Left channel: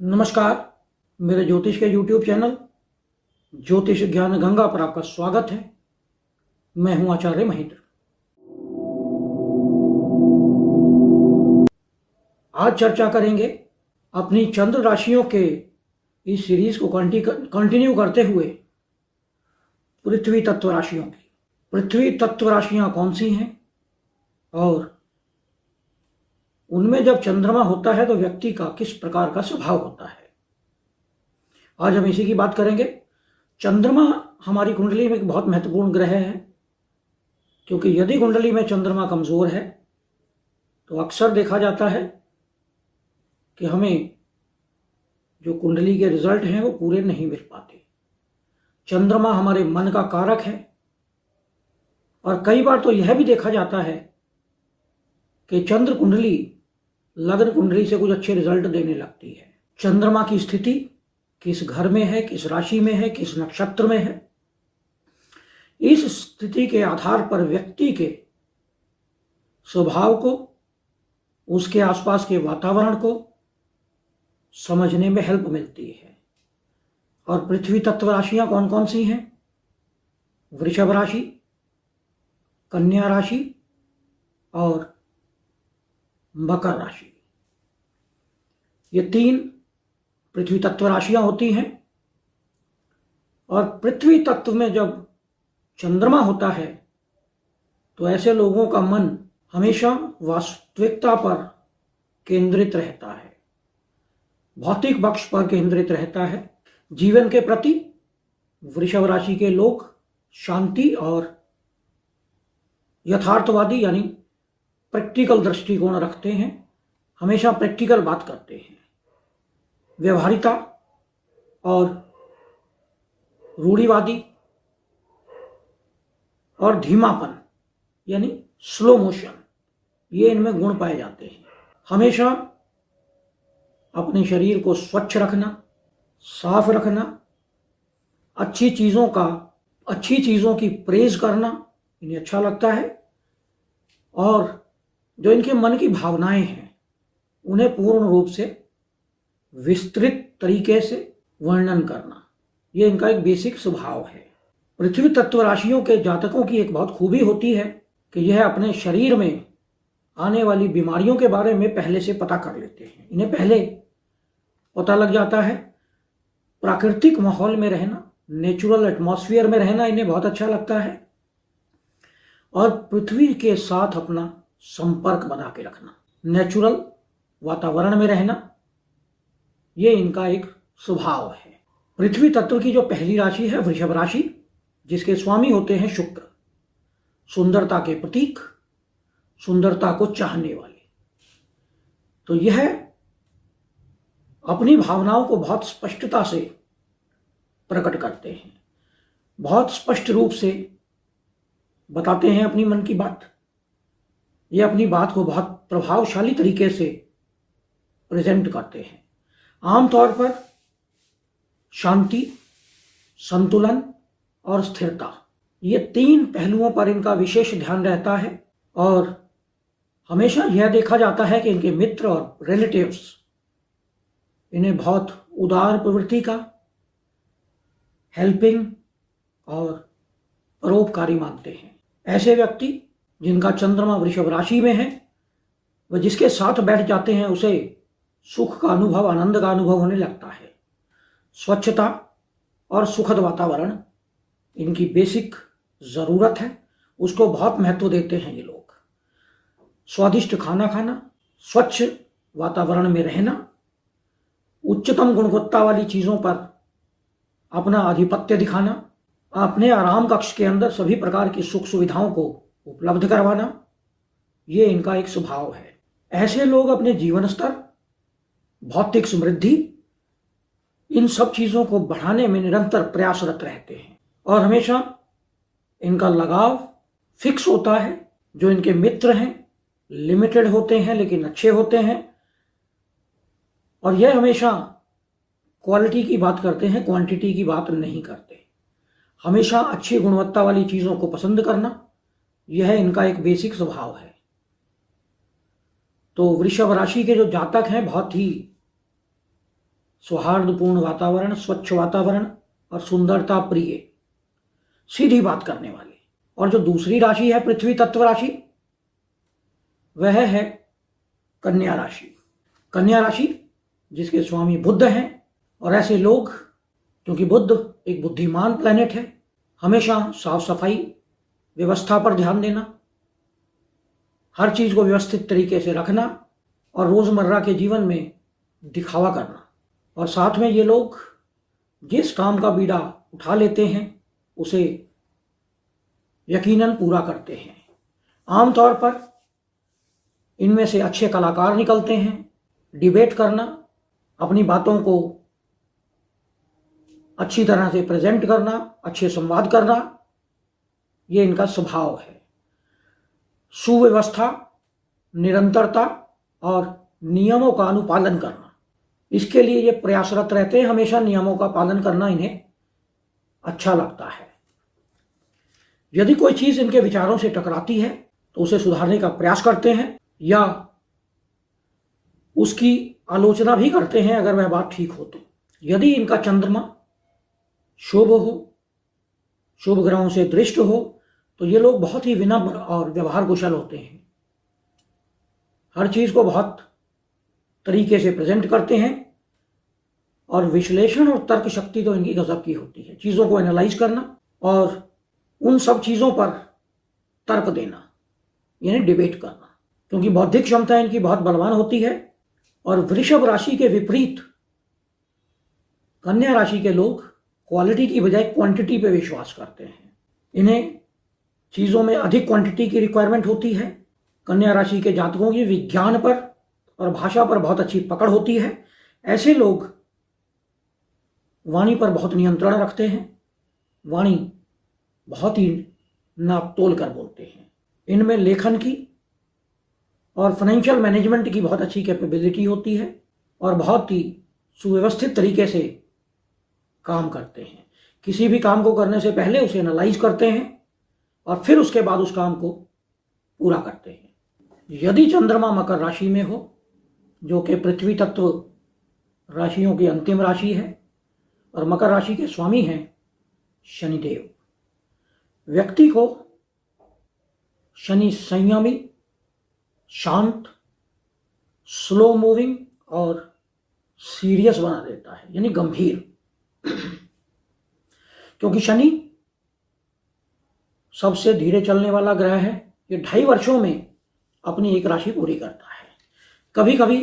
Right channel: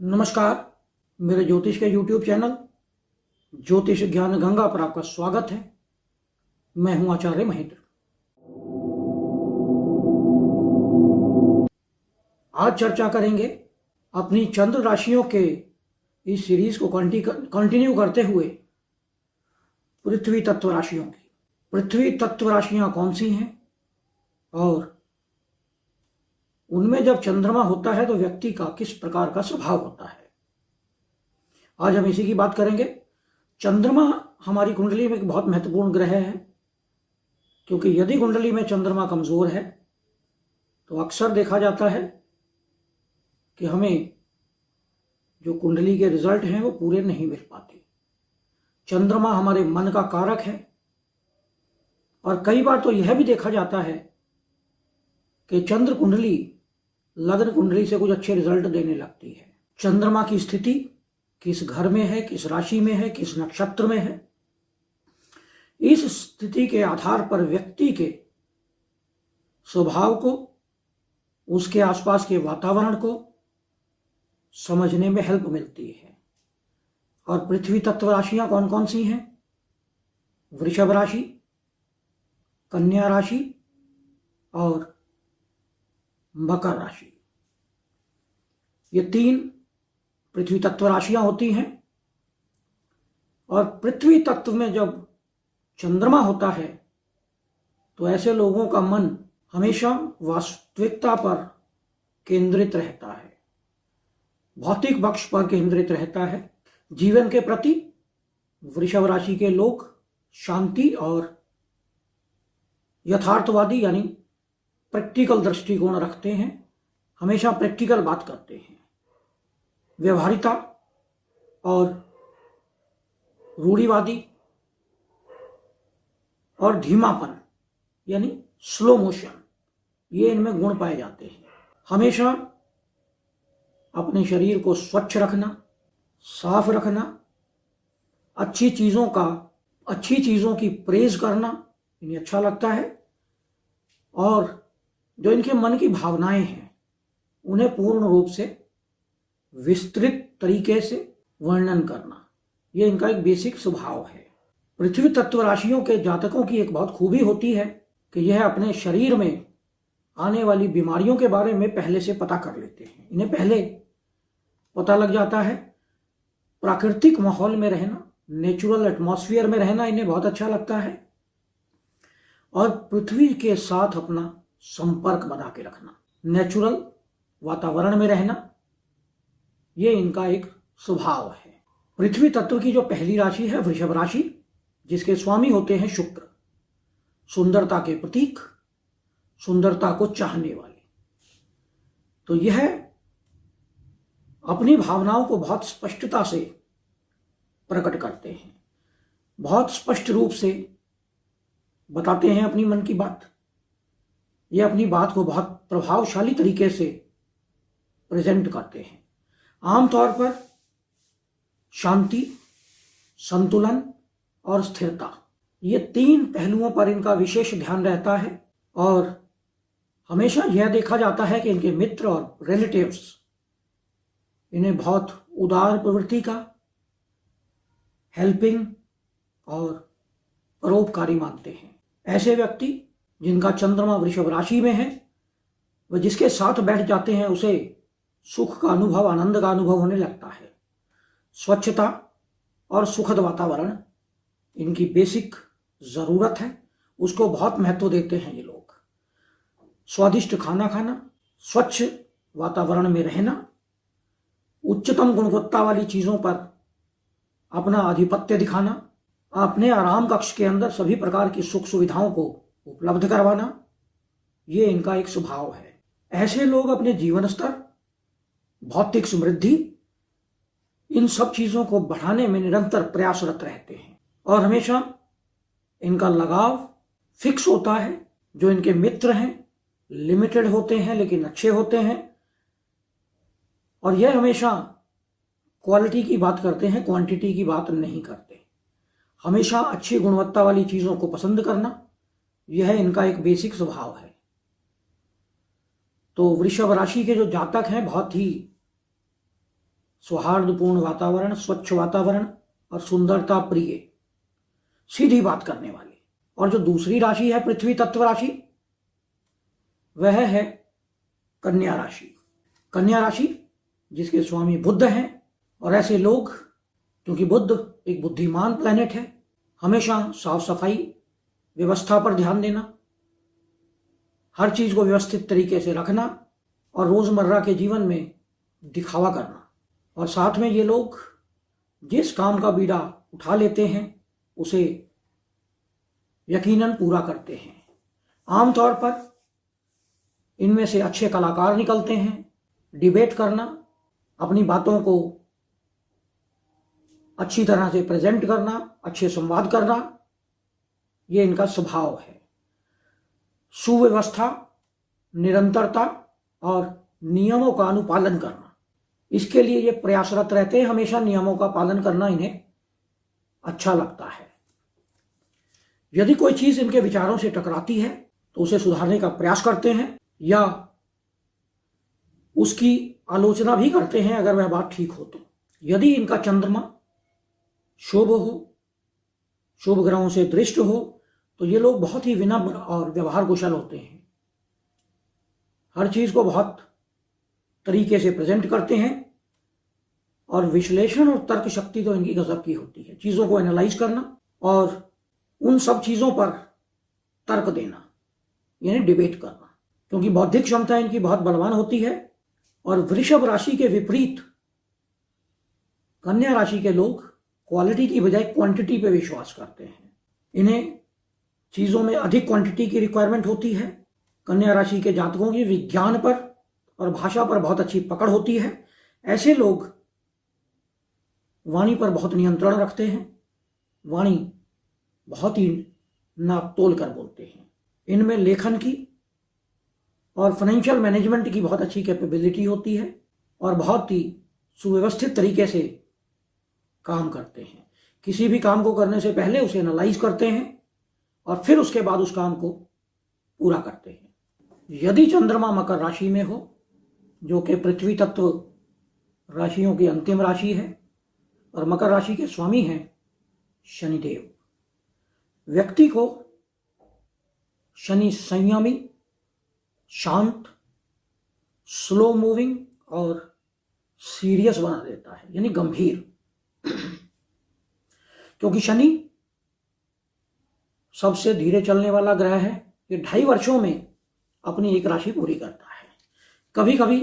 नमस्कार। मेरे ज्योतिष के YouTube चैनल ज्योतिष ज्ञान गंगा पर आपका स्वागत है। मैं हूं आचार्य महेंद्र। आज चर्चा करेंगे अपनी चंद्र राशियों के इस सीरीज को कंटिन्यू करते हुए पृथ्वी तत्व राशियों की। पृथ्वी तत्व राशियां कौन सी हैं और उनमें जब चंद्रमा होता है तो व्यक्ति का किस प्रकार का स्वभाव होता है, आज हम इसी की बात करेंगे। चंद्रमा हमारी कुंडली में एक बहुत महत्वपूर्ण ग्रह है, क्योंकि यदि कुंडली में चंद्रमा कमजोर है तो अक्सर देखा जाता है कि हमें जो कुंडली के रिजल्ट हैं वो पूरे नहीं मिल पाते। चंद्रमा हमारे मन का कारक है और कई बार तो यह भी देखा जाता है कि चंद्र कुंडली लग्न कुंडली से कुछ अच्छे रिजल्ट देने लगती है। चंद्रमा की स्थिति किस घर में है, किस राशि में है, किस नक्षत्र में है, इस स्थिति के आधार पर व्यक्ति के स्वभाव को, उसके आसपास के वातावरण को समझने में हेल्प मिलती है। और पृथ्वी तत्व राशियां कौन कौन सी हैं? वृषभ राशि, कन्या राशि और मकर राशि। ये तीन पृथ्वी तत्व राशियां होती हैं। और पृथ्वी तत्व में जब चंद्रमा होता है तो ऐसे लोगों का मन हमेशा वास्तविकता पर केंद्रित रहता है, भौतिक पक्ष पर केंद्रित रहता है। जीवन के प्रति वृषभ राशि के लोग शांति और यथार्थवादी यानी प्रैक्टिकल दृष्टिकोण रखते हैं, हमेशा प्रैक्टिकल बात करते हैं। व्यवहारिता और रूढ़िवादी और धीमापन यानी स्लो मोशन, ये इनमें गुण पाए जाते हैं। हमेशा अपने शरीर को स्वच्छ रखना, साफ रखना, अच्छी चीजों की प्रेज करना इन्हें अच्छा लगता है। और जो इनके मन की भावनाएं हैं उन्हें पूर्ण रूप से विस्तृत तरीके से वर्णन करना, ये इनका एक बेसिक स्वभाव है। पृथ्वी तत्व राशियों के जातकों की एक बहुत खूबी होती है कि यह अपने शरीर में आने वाली बीमारियों के बारे में पहले से पता कर लेते हैं। इन्हें पहले पता लग जाता है। प्राकृतिक माहौल में रहना, नेचुरल एटमॉस्फेयर में रहना इन्हें बहुत अच्छा लगता है। और पृथ्वी के साथ अपना संपर्क बना के रखना, नेचुरल वातावरण में रहना, ये इनका एक स्वभाव है। पृथ्वी तत्व की जो पहली राशि है वृषभ राशि, जिसके स्वामी होते हैं शुक्र, सुंदरता के प्रतीक, सुंदरता को चाहने वाले, तो यह अपनी भावनाओं को बहुत स्पष्टता से प्रकट करते हैं, बहुत स्पष्ट रूप से बताते हैं अपनी मन की बात। ये अपनी बात को बहुत प्रभावशाली तरीके से प्रेजेंट करते हैं। आमतौर पर शांति, संतुलन और स्थिरता, ये तीन पहलुओं पर इनका विशेष ध्यान रहता है। और हमेशा यह देखा जाता है कि इनके मित्र और रिलेटिव्स इन्हें बहुत उदार प्रवृत्ति का, हेल्पिंग और परोपकारी मानते हैं। ऐसे व्यक्ति जिनका चंद्रमा वृषभ राशि में है, वह जिसके साथ बैठ जाते हैं उसे सुख का अनुभव, आनंद का अनुभव होने लगता है। स्वच्छता और सुखद वातावरण इनकी बेसिक जरूरत है, उसको बहुत महत्व देते हैं ये लोग। स्वादिष्ट खाना खाना, स्वच्छ वातावरण में रहना, उच्चतम गुणवत्ता वाली चीजों पर अपना आधिपत्य दिखाना, अपने आराम कक्ष के अंदर सभी प्रकार की सुख सुविधाओं को उपलब्ध करवाना, ये इनका एक स्वभाव है। ऐसे लोग अपने जीवन स्तर, भौतिक समृद्धि, इन सब चीजों को बढ़ाने में निरंतर प्रयासरत रहते हैं। और हमेशा इनका लगाव फिक्स होता है। जो इनके मित्र हैं लिमिटेड होते हैं लेकिन अच्छे होते हैं। और यह हमेशा क्वालिटी की बात करते हैं, क्वांटिटी की बात नहीं करते। हमेशा अच्छी गुणवत्ता वाली चीजों को पसंद करना, यह इनका एक बेसिक स्वभाव है। तो वृषभ राशि के जो जातक हैं बहुत ही सौहार्दपूर्ण वातावरण, स्वच्छ वातावरण और सुंदरता प्रिय, सीधी बात करने वाले। और जो दूसरी राशि है पृथ्वी तत्व राशि, वह है कन्या राशि। कन्या राशि जिसके स्वामी बुध है, और ऐसे लोग, क्योंकि बुध एक बुद्धिमान प्लैनेट है, हमेशा साफ सफाई, व्यवस्था पर ध्यान देना, हर चीज को व्यवस्थित तरीके से रखना और रोजमर्रा के जीवन में दिखावा करना। और साथ में ये लोग जिस काम का बीड़ा उठा लेते हैं उसे यकीनन पूरा करते हैं। आमतौर पर इनमें से अच्छे कलाकार निकलते हैं। डिबेट करना, अपनी बातों को अच्छी तरह से प्रेजेंट करना, अच्छे संवाद करना, ये इनका स्वभाव है। सुव्यवस्था, निरंतरता और नियमों का अनुपालन करना, इसके लिए ये प्रयासरत रहते हैं। हमेशा नियमों का पालन करना इन्हें अच्छा लगता है। यदि कोई चीज इनके विचारों से टकराती है तो उसे सुधारने का प्रयास करते हैं या उसकी आलोचना भी करते हैं अगर वह बात ठीक हो तो। यदि इनका चंद्रमा शुभ हो, शुभ ग्रहों से दृष्ट हो, तो ये लोग बहुत ही विनम्र और व्यवहार कुशल होते हैं। हर चीज को बहुत तरीके से प्रेजेंट करते हैं और विश्लेषण और तर्क शक्ति तो इनकी गजब की होती है। चीजों को एनालाइज करना और उन सब चीजों पर तर्क देना, यानी डिबेट करना, क्योंकि बौद्धिक क्षमता इनकी बहुत बलवान होती है। और वृषभ राशि के विपरीत कन्या राशि के लोग क्वालिटी की बजाय क्वांटिटी पे विश्वास करते हैं। इन्हें चीजों में अधिक क्वांटिटी की रिक्वायरमेंट होती है। कन्या राशि के जातकों की विज्ञान पर और भाषा पर बहुत अच्छी पकड़ होती है। ऐसे लोग वाणी पर बहुत नियंत्रण रखते हैं, वाणी बहुत ही नाप तोल कर बोलते हैं। इनमें लेखन की और फाइनेंशियल मैनेजमेंट की बहुत अच्छी कैपेबिलिटी होती है और बहुत ही सुव्यवस्थित तरीके से काम करते हैं। किसी भी काम को करने से पहले उसे एनालाइज करते हैं और फिर उसके बाद उस काम को पूरा करते हैं। यदि चंद्रमा मकर राशि में हो, जो कि पृथ्वी तत्व राशियों की अंतिम राशि है, और मकर राशि के स्वामी हैं शनिदेव, व्यक्ति को शनि संयमी, शांत, स्लो मूविंग और सीरियस बना देता है, यानी गंभीर। क्योंकि शनि सबसे धीरे चलने वाला ग्रह है। ये 2.5 वर्षों में अपनी एक राशि पूरी करता है। कभी कभी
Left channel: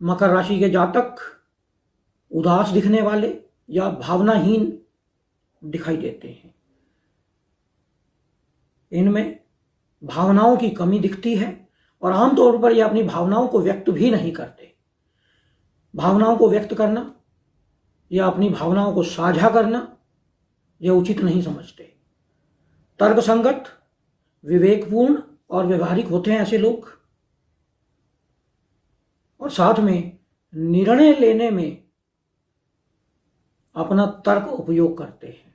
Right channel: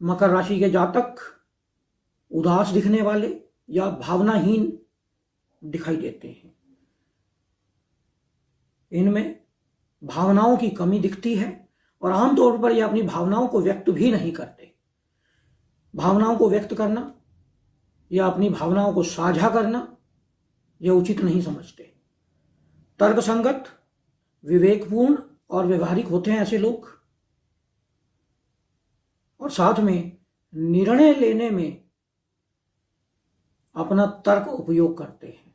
मकर राशि के जातक उदास दिखने वाले या भावनाहीन दिखाई देते हैं। इनमें भावनाओं की कमी दिखती है और आमतौर पर ये अपनी भावनाओं को व्यक्त भी नहीं करते। भावनाओं को व्यक्त करना या अपनी भावनाओं को साझा करना यह उचित नहीं समझते। तर्कसंगत, विवेकपूर्ण और व्यवहारिक होते हैं ऐसे लोग, और साथ में निर्णय लेने में अपना तर्क उपयोग करते हैं।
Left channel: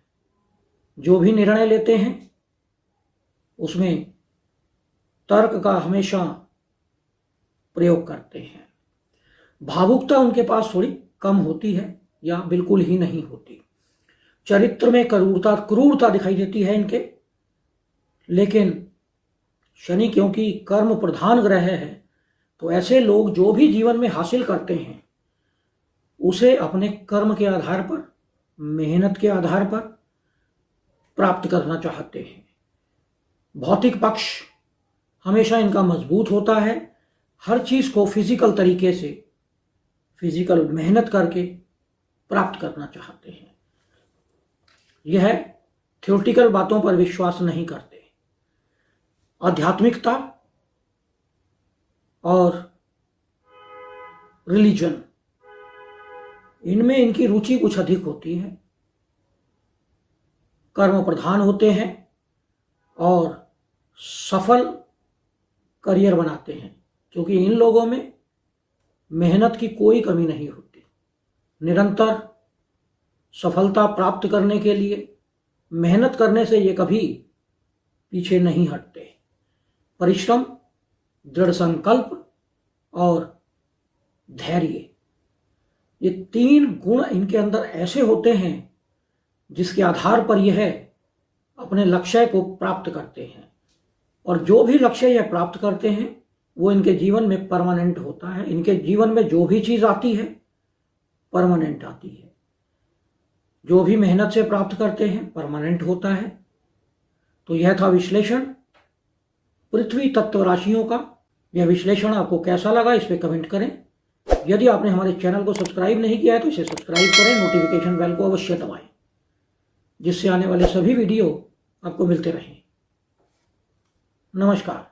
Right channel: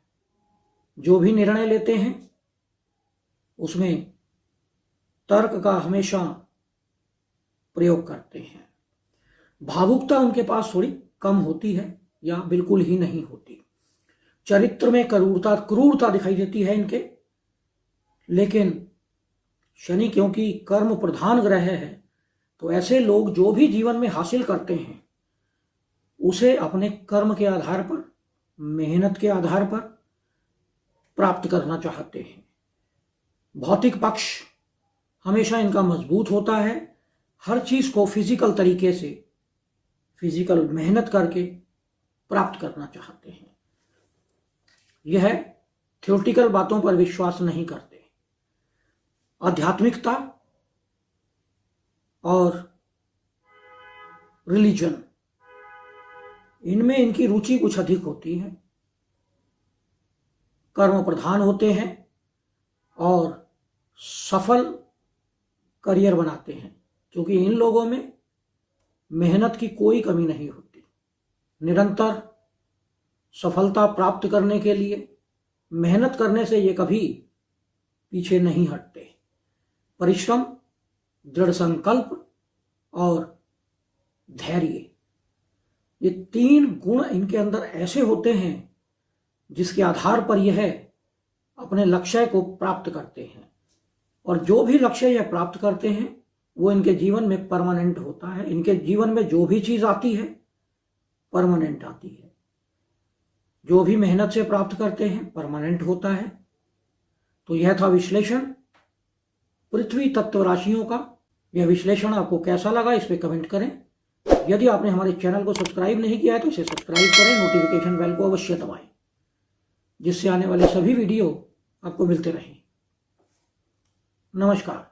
जो भी निर्णय लेते हैं उसमें तर्क का हमेशा प्रयोग करते हैं। भावुकता उनके पास थोड़ी कम होती है या बिल्कुल ही नहीं होती। चरित्र में क्रूरता दिखाई देती है इनके, लेकिन शनि क्योंकि कर्म प्रधान ग्रह है, तो ऐसे लोग जो भी जीवन में हासिल करते हैं उसे अपने कर्म के आधार पर, मेहनत के आधार पर प्राप्त करना चाहते हैं। भौतिक पक्ष हमेशा इनका मजबूत होता है। हर चीज को फिजिकल तरीके से, फिजिकल मेहनत करके प्राप्त करना चाहते हैं। यह थ्योरेटिकल बातों पर विश्वास नहीं करते। आध्यात्मिकता और रिलीजन, इनमें इनकी रुचि कुछ अधिक होती है। कर्म प्रधान होते हैं और सफल करियर बनाते हैं, क्योंकि इन लोगों में मेहनत की कोई कमी नहीं होती। निरंतर सफलता प्राप्त करने के लिए मेहनत करने से ये कभी पीछे नहीं हटते। परिश्रम, दृढ़ संकल्प और धैर्य, ये 3 गुण इनके अंदर ऐसे होते हैं जिसके आधार पर यह अपने लक्ष्य को प्राप्त करते हैं, और जो भी लक्ष्य यह प्राप्त करते हैं वो इनके जीवन में परमानेंट होता है। इनके जीवन में जो भी चीज आती है परमानेंट आती है, जो भी मेहनत से प्राप्त करते हैं परमानेंट होता है। तो यह था विश्लेषण पृथ्वी तत्व राशियों का। यह विश्लेषण आपको कैसा लगा इस पे कमेंट करें। यदि आपने हमारे चैनल को सब्सक्राइब नहीं किया है तो इसे सब्सक्राइब करें, नोटिफिकेशन बेल को अवश्य दबाएं, जिससे आने वाले सभी वीडियो आपको मिलते रहें। नमस्कार।